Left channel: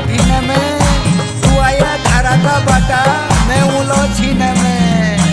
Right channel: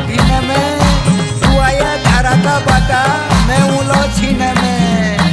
भीन में, तू आया धारा का बाटा, मैं उलो छीन में।